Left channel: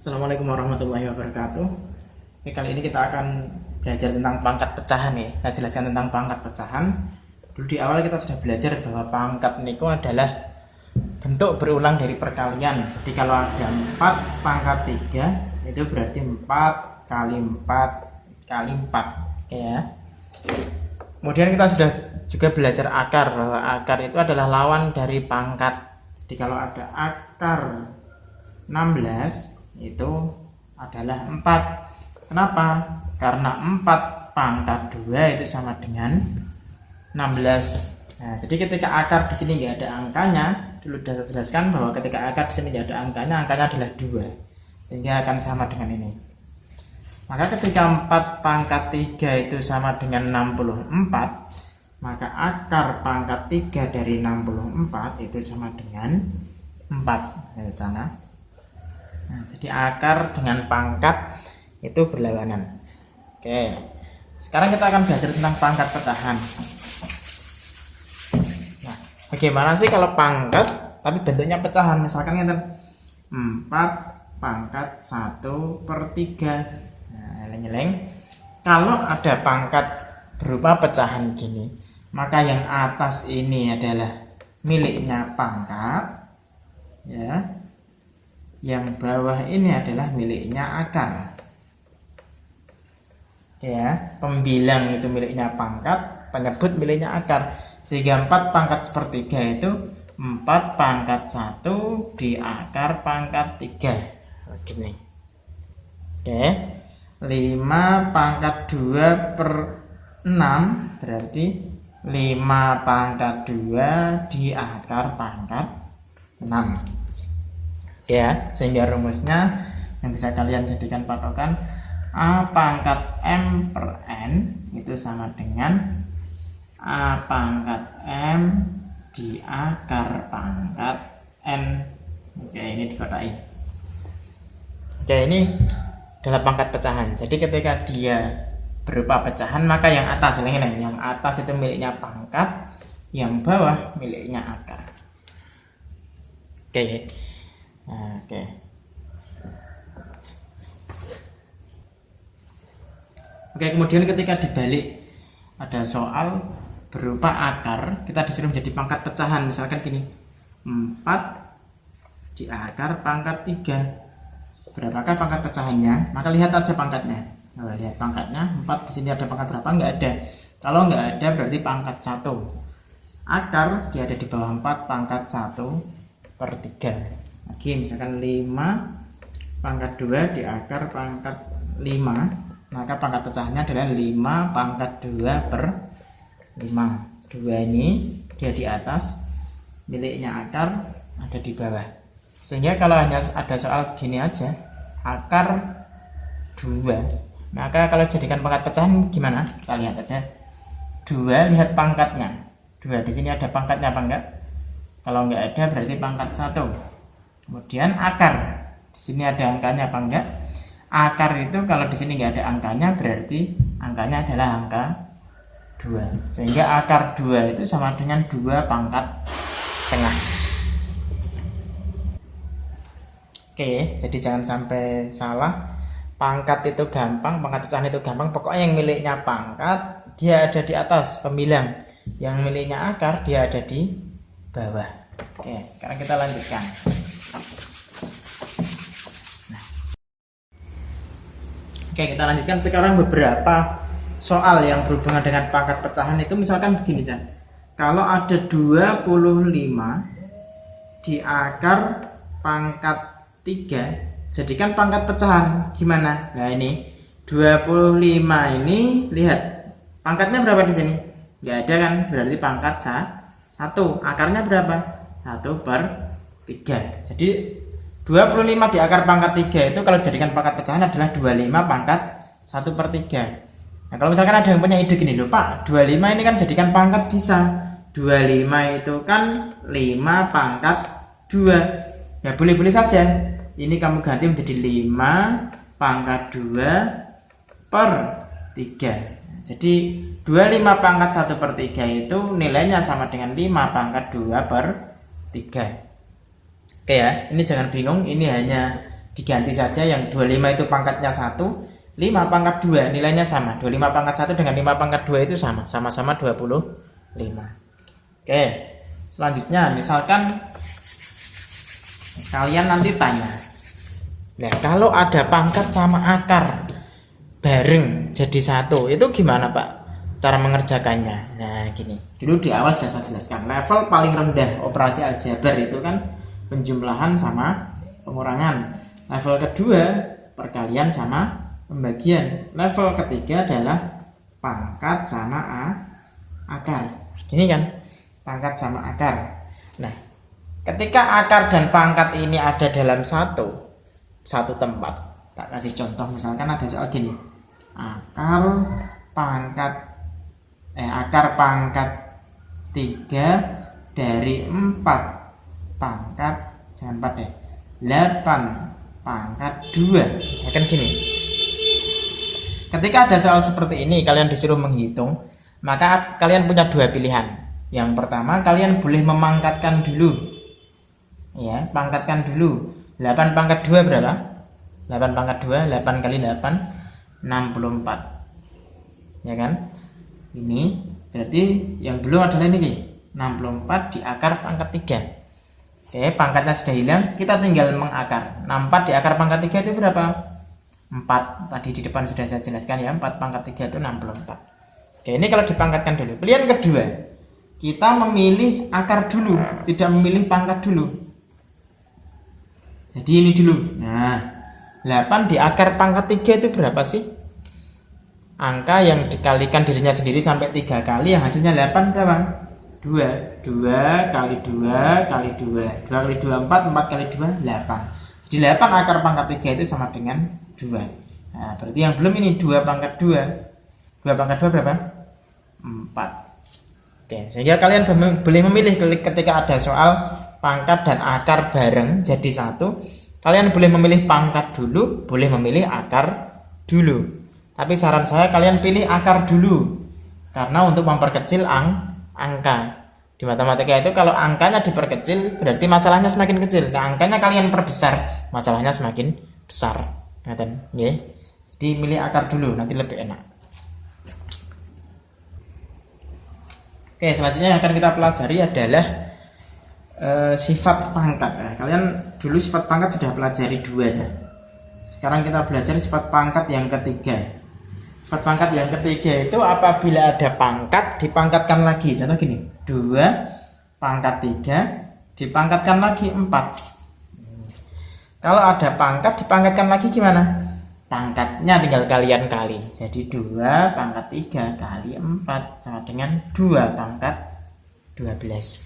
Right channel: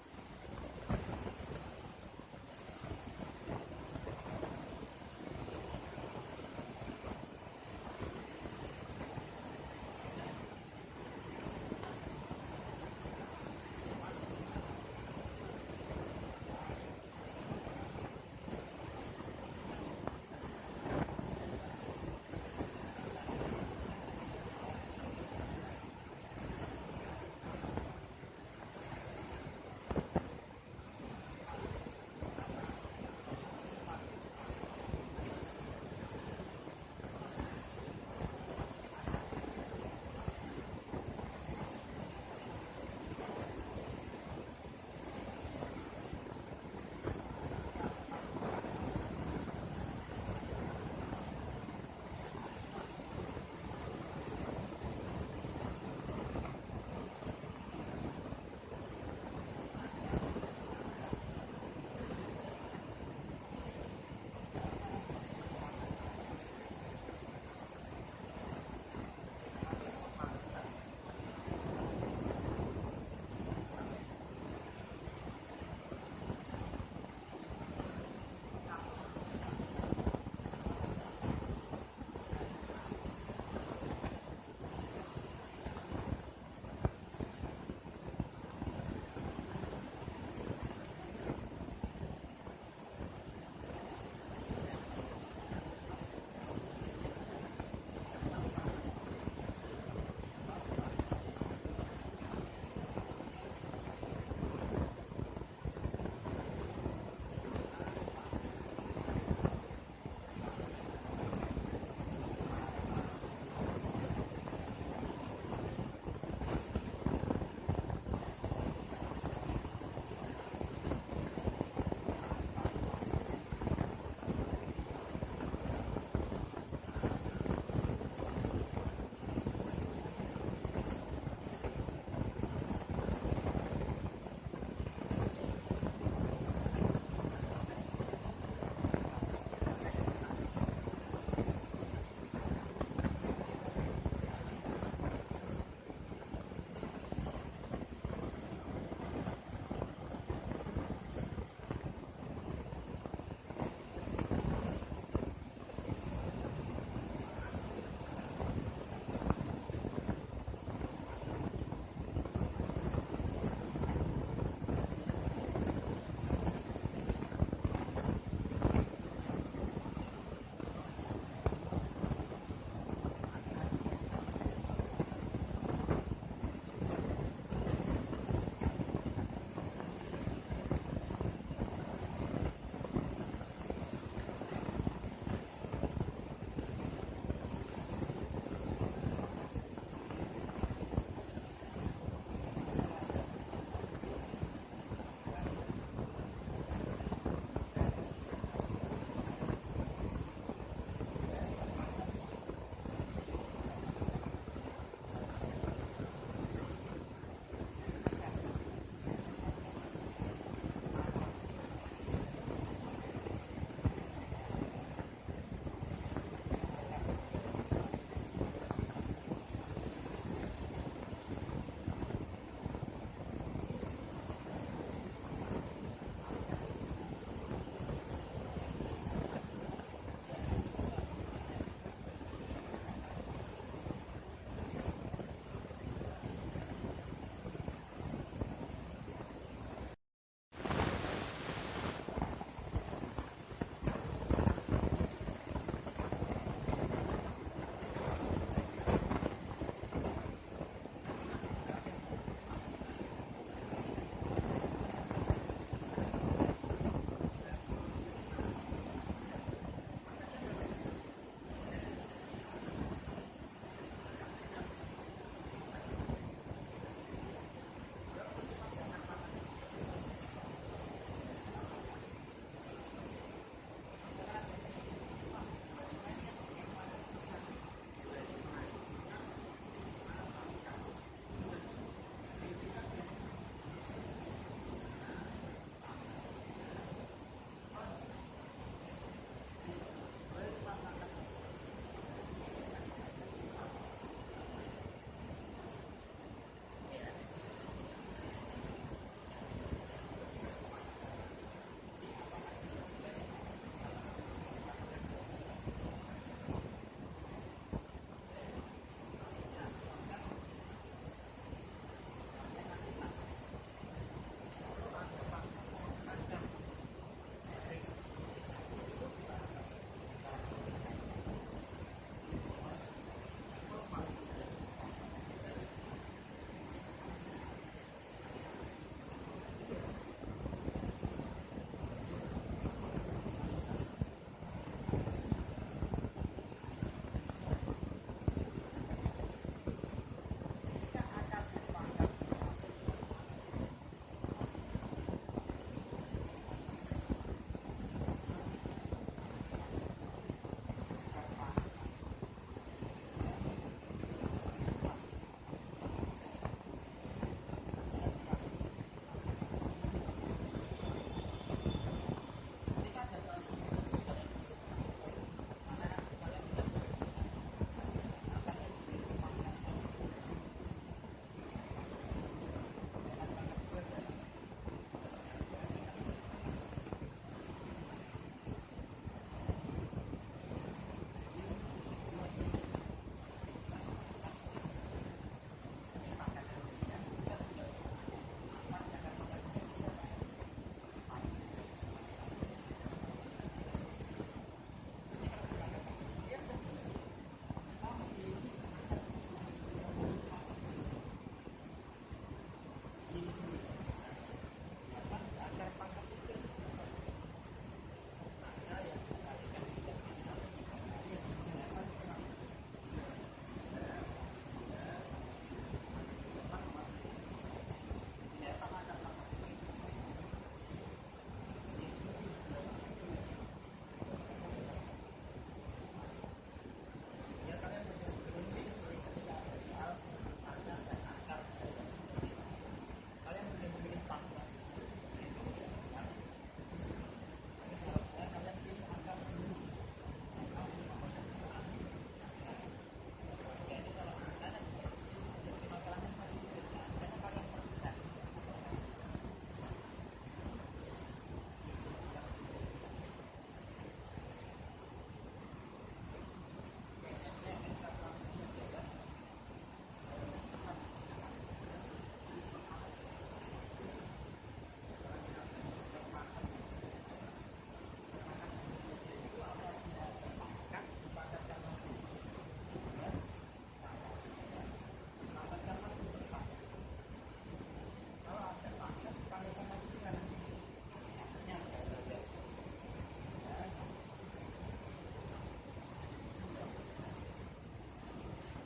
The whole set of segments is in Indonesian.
Assalamualaikum warahmatullahi wabarakatuh. Oke, kali ini kita akan belajar tentang pangkat pecahan ya. Saya jelaskan tentang pangkat pecahan. Dulu di awal kita sudah belajar bahwa pangkat niku adalah bentuk berulang dari perkalian. Jadi kalau ada 4 pangkat 3 itu berarti 4 kali 4 kali 4 ya. Kemudian kita sudah juga belajar akar, bahwa akar itu adalah lawan dari pangkat. Jadi kalau ada akar 16 itu adalah 4. Kenapa? Karena 4 pangkat 2 itu sama dengan 16. Nah, jadi ketika akar di sini nggak ada angkanya, dulu sudah saya jelaskan bahwa ketika akar di sini nggak ada angkanya adalah 2. Sehingga akan sama dengan ini. Maka ketika 4 pangkat 3 itu sama dengan 64, maka akar pangkat 3 dari 64 itu sama dengan 4. Dari sana. Nah, jadi akar dengan pangkat itu berlawanan. Oke. Sekarang kita akan belajar tentang pangkat pecahan. Nah, bagaimana sih kalau pangkat tapi bentuknya pecahan? Misalkan kita 4 pangkat 1/3. Nah, eleng-eleng. Kalau ada pangkat berupa pecahan gini, maka yang atas ini adalah miliknya pangkat, ya. Yang bawah ini adalah miliknya akar. Ya, pembilang itu miliknya pangkat, penyebut miliknya akar. Sehingga 4 pangkat 1/3 itu 4 pangkat 1 di akar pangkat 3. Gini. Oke. 5 pangkat 2/6 berarti 5 pangkat 2 di akar pangkat 6. Ya, sehingga rumusnya yang bisa kalian jadikan patokan A pangkat M per N itu sama dengan A pangkat M di akar pangkat N. Oke, ini dikotai. Oke, ini adalah pangkat pecahan. Jadi ketika dia berupa pecahan, maka yang atas ini, yang atas itu miliknya pangkat, yang bawah miliknya akar. Oke. Oke. Oke, kemudian ketika dibalik ada soal berupa akar, kita disuruh menjadi pangkat pecahan. Misalkan gini, 4 di akar pangkat 3. Berapakah pangkat pecahannya? Maka lihat aja pangkatnya. Lihat pangkatnya, 4 di sini ada pangkat berapa? Enggak ada. Kalau enggak ada berarti pangkat 1. Akar dia ada di bawah 4 pangkat 1/3. Oke, misalkan 5 pangkat 2 di akar pangkat 5, maka pangkat pecahannya adalah 5 pangkat 2/5. 2 ini dia di atas, miliknya akar ada di bawah. Sehingga kalau hanya ada soal gini aja, akar 2, maka kalau jadikan pangkat pecahan gimana? Kita lihat aja. 2, lihat pangkatnya. 2 di sini ada pangkatnya apa enggak? Kalau enggak ada berarti pangkat 1. Kemudian akar, di sini ada angkanya apa enggak? Akar itu kalau di sini enggak ada angkanya berarti angkanya adalah angka 2. Sehingga akar 2 itu sama dengan 2 pangkat setengah. Oke, jadi jangan sampai salah. Pangkat itu gampang, pangkat pecahan itu gampang. Pokoknya yang miliknya pangkat dia ada di atas, pembilang. Yang miliknya akar dia ada di bawah. Oke, sekarang kita lanjutkan. Oke, kita lanjutkan sekarang beberapa soal yang berhubungan dengan pangkat pecahan itu. Misalkan begini, Chan. Kalau ada 25 di akar pangkat 3, jadikan pangkat pecahan. Gimana? Nah, ini 25 ini lihat pangkatnya berapa di sini? Enggak ada kan? Berarti pangkat 1. Akarnya berapa? 1/3. Jadi 25 di akar pangkat 3 itu kalau jadikan pangkat pecahan adalah 25 pangkat 1/3. Nah, kalau misalkan ada yang punya ide gini loh, Pak, 25 ini kan jadikan pangkat bisa. 25 itu kan 5 pangkat 2. Ya boleh-boleh saja. Ini kamu ganti menjadi 5 pangkat 2/3. Jadi 25 pangkat 1/3 itu nilainya sama dengan 5 pangkat 2/3. Oke ya, ini jangan bingung, ini hanya diganti saja, yang 25 itu pangkatnya 1, 5 pangkat 2 nilainya sama. 25 pangkat 1 dengan 5 pangkat 2 itu sama, sama-sama 25. Oke, selanjutnya misalkan kalian nanti tanya, nah kalau ada pangkat sama akar bareng jadi satu, itu gimana Pak cara mengerjakannya? Nah gini, dulu di awal sudah saya jelaskan, level paling rendah operasi aljabar itu kan penjumlahan sama pengurangan. Level kedua perkalian sama pembagian. Level ketiga adalah pangkat sama akar. Ini kan pangkat sama akar. Nah, ketika akar dan pangkat ini ada dalam satu tempat, tak kasih contoh, misalkan ada soal gini, akar pangkat 3 dari 4 pangkat, jangan 4 deh, 8 pangkat 2. Misalkan gini, ketika ada soal seperti ini kalian disuruh menghitung, maka kalian punya dua pilihan. Yang pertama, kalian boleh memangkatkan dulu, ya, pangkatkan dulu. 8 pangkat 2 berapa? 8 pangkat 2, 8 kali 8 64, ya kan? Ini berarti yang belum adalah ini 64 di akar pangkat 3. Oke, pangkatnya sudah hilang, kita tinggal mengakar. 64 di akar pangkat 3 itu berapa? 4. Tadi di depan sudah saya jelaskan ya, 4 pangkat 3 itu 64. Oke, ini kalau dipangkatkan dulu. Pilihan kedua, kita memilih akar dulu, tidak memilih pangkat dulu. Jadi ini dulu. Nah, 8 di akar pangkat 3 itu berapa sih? Angka yang dikalikan dirinya sendiri sampai 3 kali, yang hasilnya 8 berapa? 2 kali 2 kali 2 kali 2 4 kali 2 8. Jadi 8 akar pangkat 3 itu sama dengan 2. Nah berarti yang belum ini 2 pangkat 2 pangkat 2 berapa? 4. Oke, sehingga kalian boleh memilih ketika ada soal pangkat dan akar bareng jadi satu, kalian boleh memilih pangkat dulu, boleh memilih akar dulu. Tapi saran saya kalian pilih akar dulu, karena untuk memperkecil angka. Di matematika itu kalau angkanya diperkecil berarti masalahnya semakin kecil. Nah, angkanya kalian perbesar, masalahnya semakin besar. Ngaten, nggih. Dimilih akar dulu, nanti lebih enak. Oke, selanjutnya yang akan kita pelajari adalah sifat pangkat. Nah, kalian dulu sifat pangkat sudah pelajari 2 aja. Sekarang kita belajar sifat pangkat yang ketiga. Sifat pangkat yang ketiga itu apabila ada pangkat dipangkatkan lagi. Contoh gini, 2 pangkat 3 dipangkatkan lagi 4. Kalau ada pangkat dipangkatkan lagi gimana? Pangkatnya tinggal kalian kali. Jadi 2 pangkat 3 kali 4 sama dengan 2 pangkat 12.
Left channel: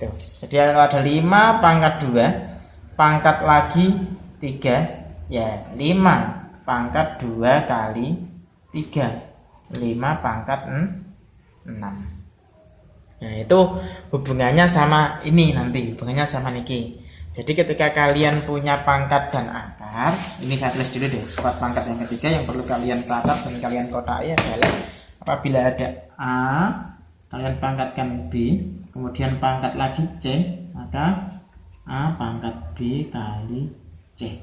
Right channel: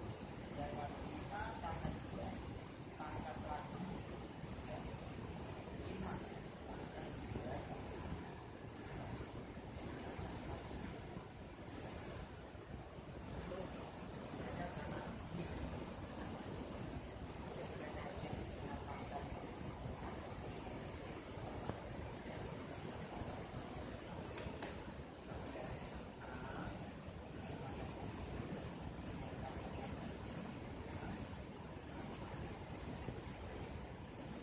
Tuh. Jadi kalau ada 5 pangkat 2 pangkat lagi 3, ya 5 pangkat 2 kali 3, 5 pangkat 6. Nah itu hubungannya sama ini, nanti hubungannya sama niki. Jadi ketika kalian punya pangkat dan akar, ini saya tulis dulu deh, sifat pangkat yang ketiga yang perlu kalian catat dan kalian kotai adalah apabila ada A, kalian pangkatkan B, kemudian pangkat lagi C, maka A pangkat B kali C.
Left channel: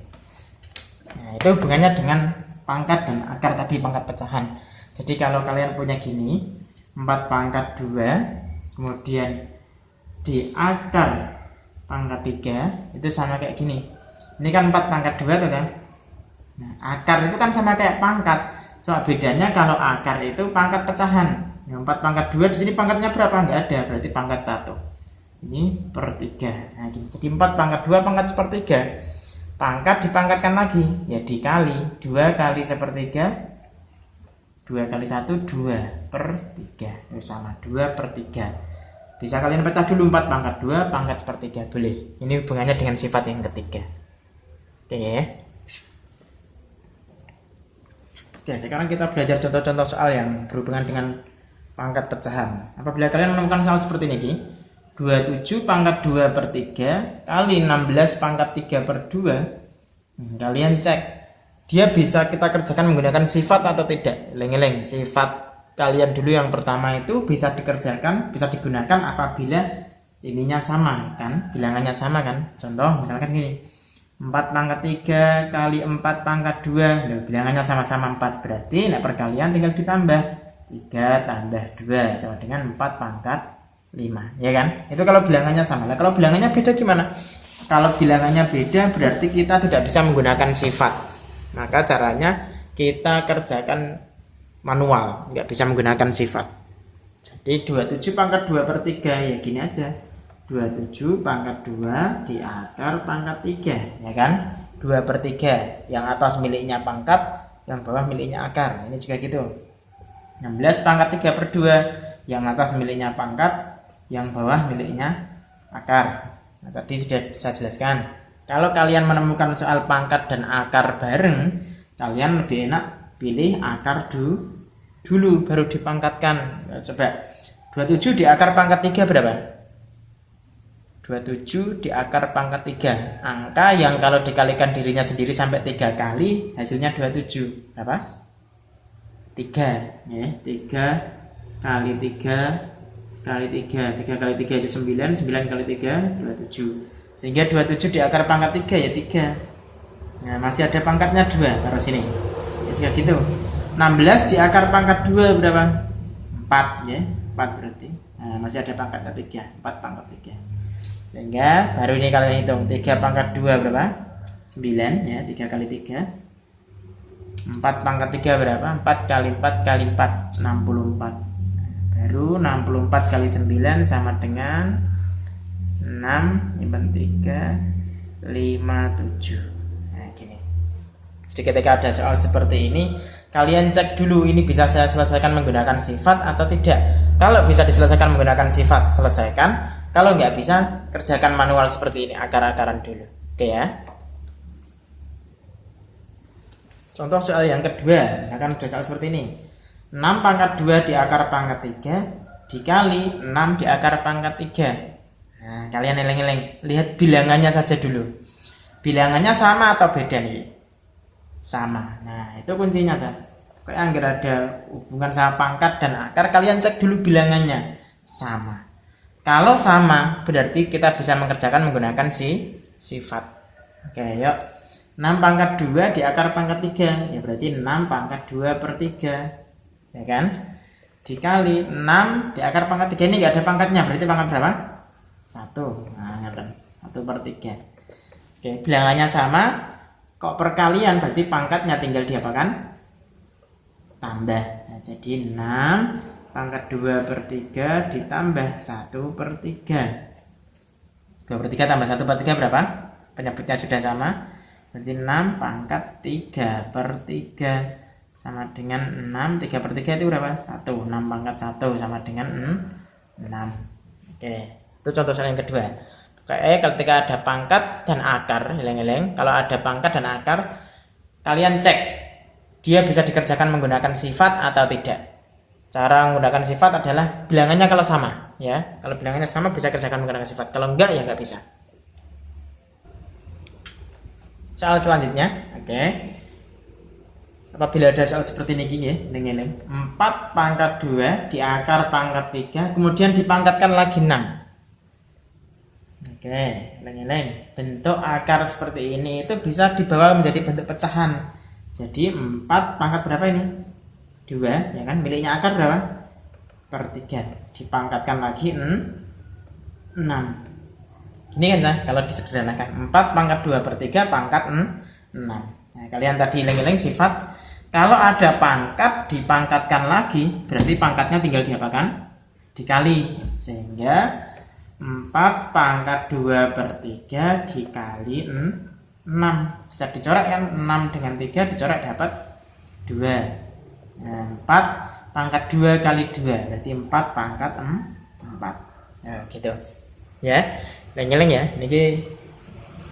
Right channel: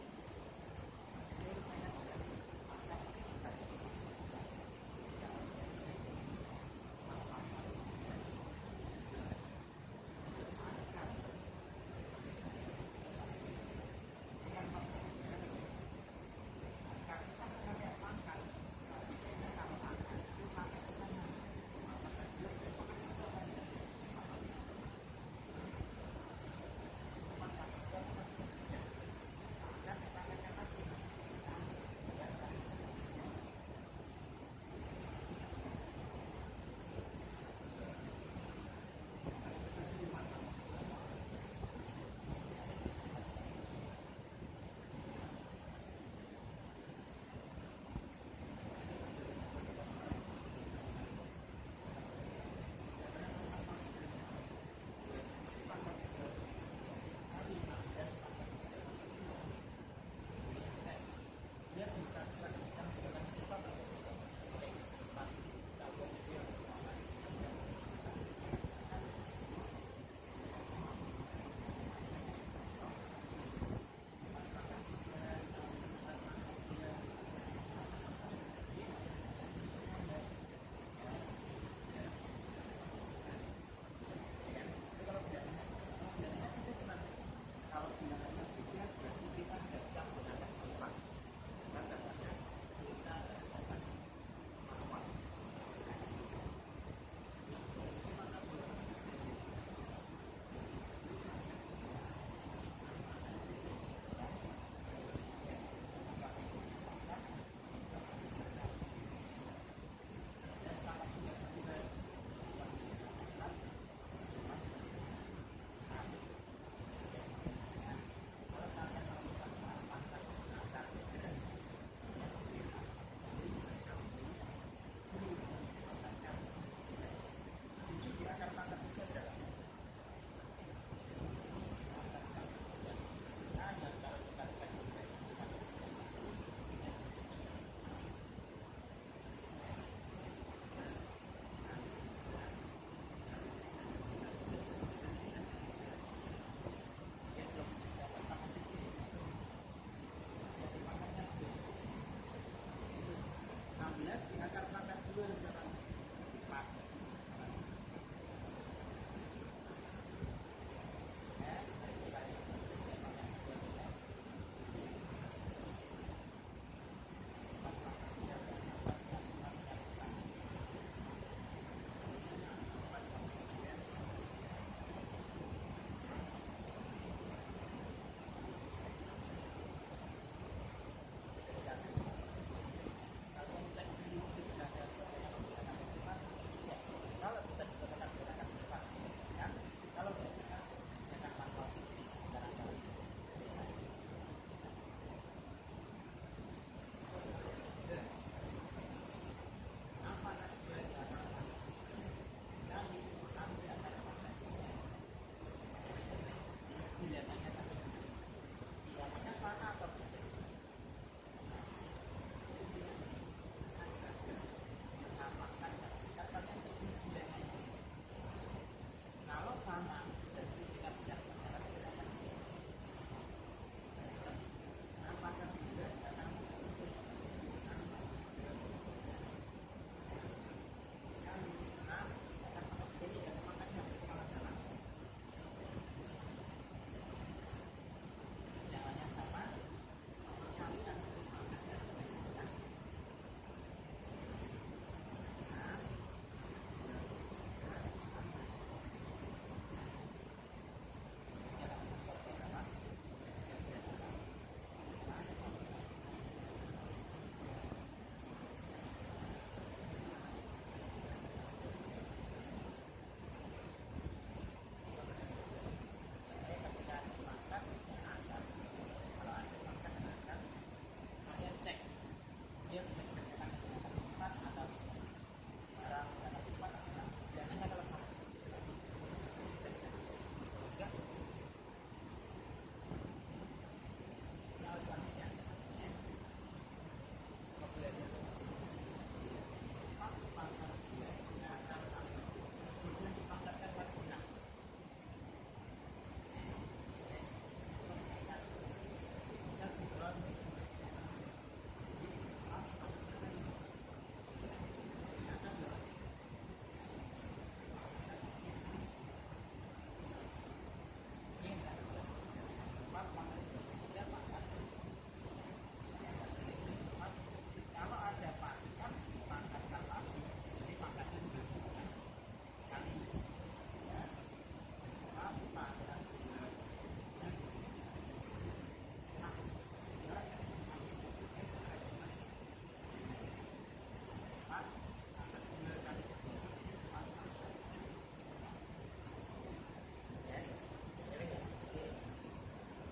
Nah itu hubungannya dengan pangkat dan akar tadi, pangkat pecahan. Jadi kalau kalian punya gini, 4 pangkat 2, kemudian di akar pangkat 3 itu sama kayak gini. Ini kan 4 pangkat 2 tuh kan. Nah, akar itu kan sama kayak pangkat. Cuma bedanya kalau akar itu pangkat pecahan. Yang 4 pangkat 2 di sini pangkatnya berapa? Enggak ada, berarti pangkat 1. Ini per 3. Nah, gini. Jadi 4 pangkat 2 pangkat sepertiga. Pangkat dipangkatkan lagi, ya dikali 2 kali sepertiga, 2 kali 1 2 per 3 itu sama 2 per 3. Bisa kalian pecah dulu 4 pangkat 2 pangkat sepertiga, boleh. Ini hubungannya dengan sifat yang ketiga. Oke ya. Oke, sekarang kita belajar contoh-contoh soal yang berhubungan dengan pangkat pecahan. Apabila kalian menemukan soal seperti ini, 27 pangkat 2 per 3 kali 16 pangkat 3 per 2, kalian cek dia bisa kita kerjakan menggunakan sifat atau tidak. Eleng-eleng, sifat kalian dulu yang pertama itu bisa dikerjakan, bisa digunakan apabila ininya sama kan, bilangannya sama kan. Contoh misalkan gini, 4 pangkat 3 kali 4 pangkat 2. Loh, bilangannya sama-sama 4. Berarti nah perkalian tinggal ditambah. 3 tambah 2 sama dengan 4 pangkat 5. Ya kan? Itu kalau bilangannya sama. Nah, kalau bilangannya beda gimana? Kalau bilangannya beda berarti kita tidak bisa menggunakan sifat. Maka caranya kita kerjakan manual. Nggak bisa menggunakan sifat. Jadi 27 pangkat 2 per 3. Ya gini aja. 27 pangkat 2 di akar pangkat 3, ya kan? 2 per 3, yang atas miliknya pangkat, yang bawah miliknya akar. Ini juga gitu. 16 pangkat 3 per 2, yang atas miliknya pangkat, yang bawah miliknya akar. Nah, tadi sudah saya jelaskan. Kalau kalian menemukan soal pangkat dan akar bareng, kalian lebih enak pilih akar dulu, baru dipangkatkan. Nah, coba 27 di akar pangkat 3 berapa? 27 di akar pangkat 3. Angka yang kalau dikalikan dirinya sendiri sampai 3 kali hasilnya 27. Berapa? 3 ya. 3 kali 3 kali 3. 3 kali 3 itu 9. 9 kali 3 27. Sehingga 27 di akar pangkat 3 ya 3. Nah, masih ada pangkatnya 2. Taruh sini. Ya juga gitu. 16 di akar pangkat 2 berapa? 4 ya. 4 berarti. Nah, masih ada pangkatnya 3. 4 pangkat 3. Sehingga baru ini kalian hitung 3 pangkat 2 berapa? 9 ya, 3 kali 3. 4 pangkat 3 berapa? 4 kali 4 kali 4 64. Baru 64 kali 9 sama dengan 6 nyimpen 3 5 7. Nah gini. Jadi ketika ada soal seperti ini, kalian cek dulu ini bisa saya selesaikan menggunakan sifat atau tidak. Kalau bisa diselesaikan menggunakan sifat, selesaikan. Kalau nggak bisa, kerjakan manual seperti ini, akar-akaran dulu. Oke ya. Contoh soal yang kedua, misalkan ada soal seperti ini. 6 pangkat 2 di akar pangkat 3 dikali 6 di akar pangkat 3. Nah, kalian eleng-eleng, lihat bilangannya saja dulu. Bilangannya sama atau beda nih? Sama. Nah, itu kuncinya aja. Kayak anggar ada hubungan sama pangkat dan akar, kalian cek dulu bilangannya. Sama. Kalau sama, berarti kita bisa mengerjakan menggunakan sifat. Oke, yuk. 6 pangkat 2 di akar pangkat 3. Ya berarti 6 pangkat 2 per 3. Ya kan? Dikali 6 di akar pangkat 3. Ini nggak ada pangkatnya, berarti pangkat berapa? 1. Nah, 1 per 3. Oke, bilangannya sama. Kok perkalian, berarti pangkatnya tinggal diapakan? Tambah. Nah, jadi 6 pangkat 2 per 3 ditambah 1 per 3. 2 per 3 tambah 1 per 3 berapa? Penyebutnya sudah sama. Berarti 6 pangkat 3 per 3 sama dengan 6. 3 per 3 itu berapa? 1. 6 pangkat 1 sama dengan 6. Oke, itu contoh soal yang kedua. Ketika ada pangkat dan akar, eleng-eleng, kalau ada pangkat dan akar, kalian cek dia bisa dikerjakan menggunakan sifat atau tidak. Cara menggunakan sifat adalah bilangannya kalau sama, ya. Kalau bilangannya sama bisa kerjakan menggunakan sifat. Kalau enggak ya enggak bisa. Soal selanjutnya, oke. Apabila ada soal seperti ini ya, eleng-eleng. 4 pangkat 2 di akar pangkat 3, kemudian dipangkatkan lagi 6. Oke, eleng-eleng. Bentuk akar seperti ini itu bisa dibawa menjadi bentuk pecahan. Jadi 4 pangkat berapa ini? 2, ya kan, miliknya akar berapa? Per 3. Dipangkatkan lagi 6. Ini kan kalau disederhanakan 4 pangkat 2 per 3 pangkat 6. Nah, kalian tadi eleng-eleng sifat. Kalau ada pangkat dipangkatkan lagi, berarti pangkatnya tinggal diapakan? Dikali. Sehingga 4 pangkat 2 per 3 dikali 6. Bisa dicoret kan? 6 dengan 3 dicoret dapat 2. Nah, 4 pangkat 2 kali 2 berarti 4 pangkat 4. Nah, gitu. Ya, eleng-eleng ya. Ini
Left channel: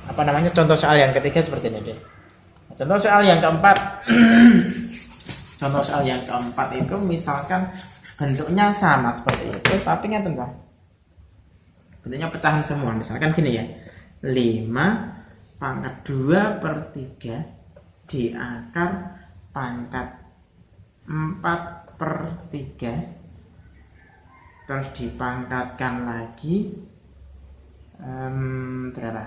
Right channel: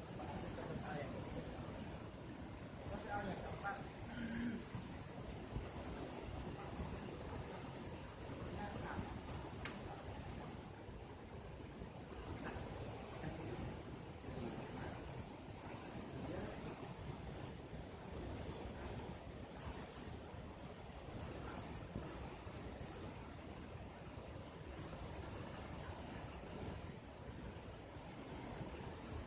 apa namanya? Contoh soal yang ketiga seperti ini. Contoh soal yang keempat. Contoh soal yang keempat itu misalkan bentuknya sama seperti itu, tapi kan tentu bentuknya pecahan semua. Misalkan gini ya. 5 pangkat 2 per 3 di akar pangkat 4 per 3 terus dipangkatkan lagi berapa?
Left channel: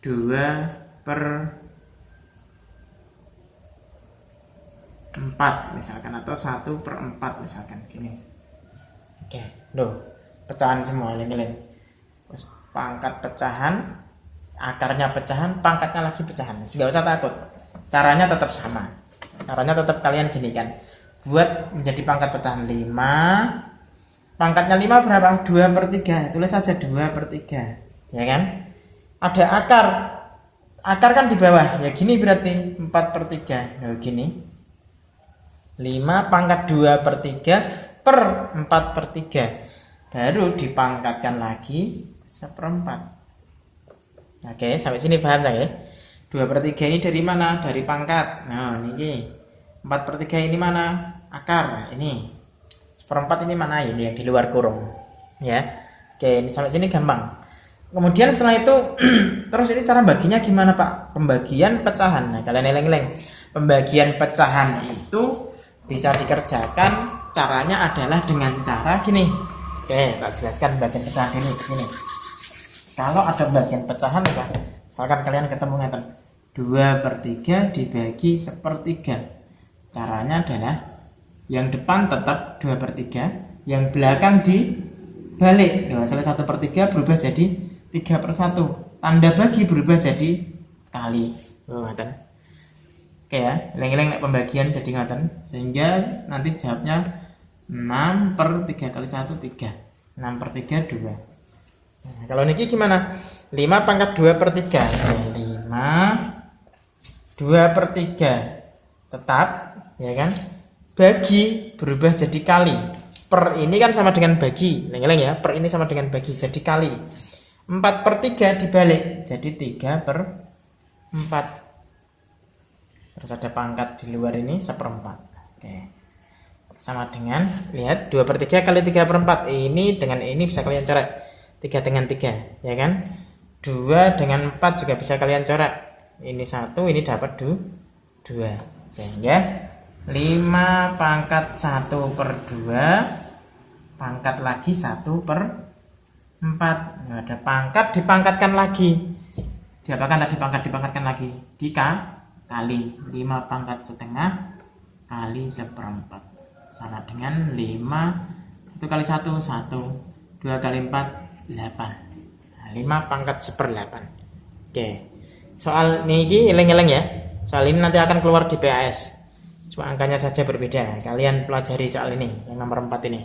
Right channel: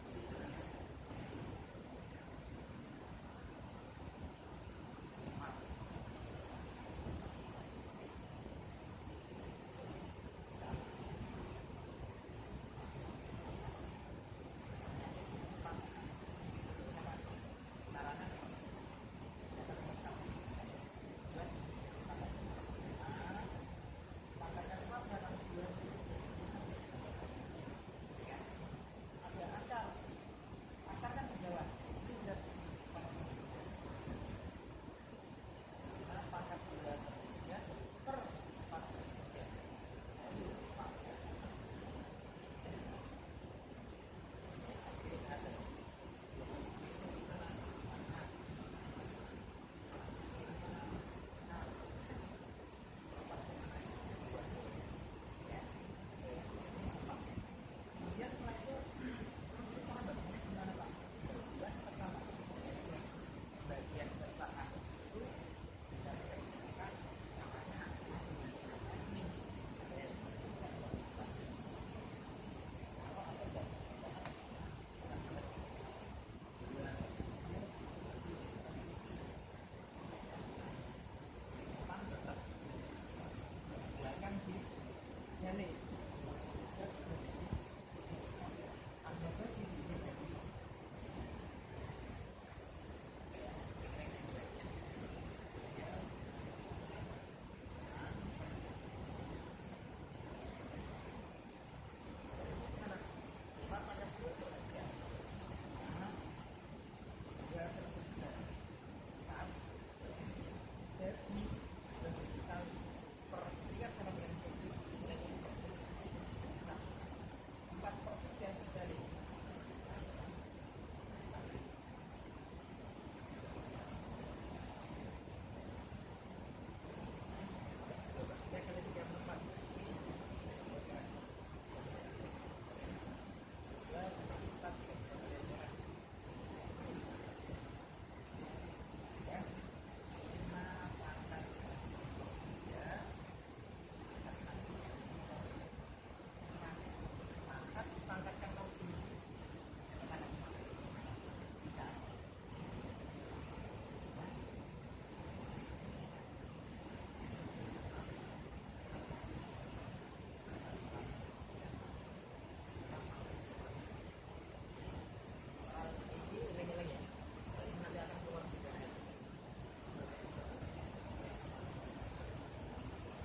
2/4 misalkan, atau 1/4 misalkan gini. Oke, loh, pecahan semua ini. Terus pangkat pecahan, akarnya pecahan, pangkatnya lagi pecahan. Nggak usah takut, caranya tetap sama. Caranya tetap kalian gini kan, buat menjadi pangkat pecahan 5. Pangkatnya 5 berapa? 2/3. Tulis saja 2/3, ya kan? Ada akar kan di bawah, ya gini berarti 4/3. Nah, gini 5 pangkat 2/3 per 4/3, baru dipangkatkan lagi 1/4. Oke, sampai sini paham ya? 2/3 ini dari mana? Dari pangkat. Nah, ini 4/3 ini mana? Akar. Ini 1/4 ini mana? Ini yang di luar kurung, ya. Oke, ini sampai sini gampang. Kemudian setelah itu terus ini cara baginya gimana, Pak? Pembagian pecahan. Nah, kalian eleng-eleng. Pembagian pecahan itu bisa dikerjakan, caranya adalah dengan cara gini. Oke, tak jelaskan bagian pecahan ini di sini. Kalau ada bagian pecahan ya, misalkan kalian ketemu ngeten, 2/3 dibagi 1/3. Caranya adalah yang depan tetap 2/3, yang belakang dibalik. Nah, salah 1/3 berubah jadi 3/1. Tanda bagi berubah jadi kali. Ngeten. Oke ya, eleng-eleng pembagian jadi ngeten, sehingga nanti jawabnya 6/3 kali 1 3. 6/3 2. Nah, kalau niki gimana? 5 pangkat 2/3. 5 2/3 tetap, ya kan? Bagi berubah jadi kali. Per ini kan sama dengan bagi, eleng-eleng ya. Per ini sama dengan bagi, jadi kali. 4/3 dibalik jadi 3/4. Terus ada pangkat di luar ini 1/4. Oke. Sama dengan, lihat 2/3 kali 3/4. Ini dengan ini bisa kalian coret. 3 dengan 3, ya kan? 2 dengan 4 juga bisa kalian coret. Ini 1, ini dapat 2. Sehingga 5 pangkat 1/2, pangkat lagi 1/4. Nah, ada pangkat dipangkatkan lagi. Diapakan tadi pangkat dipangkatkan lagi? Kali 5 pangkat setengah kali 1/4 sama dengan 5. 1 kali 1 1, 2 kali 4 8. Nah, 5 pangkat 1/8. Oke, soal ini eleng-eleng ya. Soal ini nanti akan keluar di PAS, cuma angkanya saja berbeda. Kalian pelajari soal ini yang nomor 4 ini.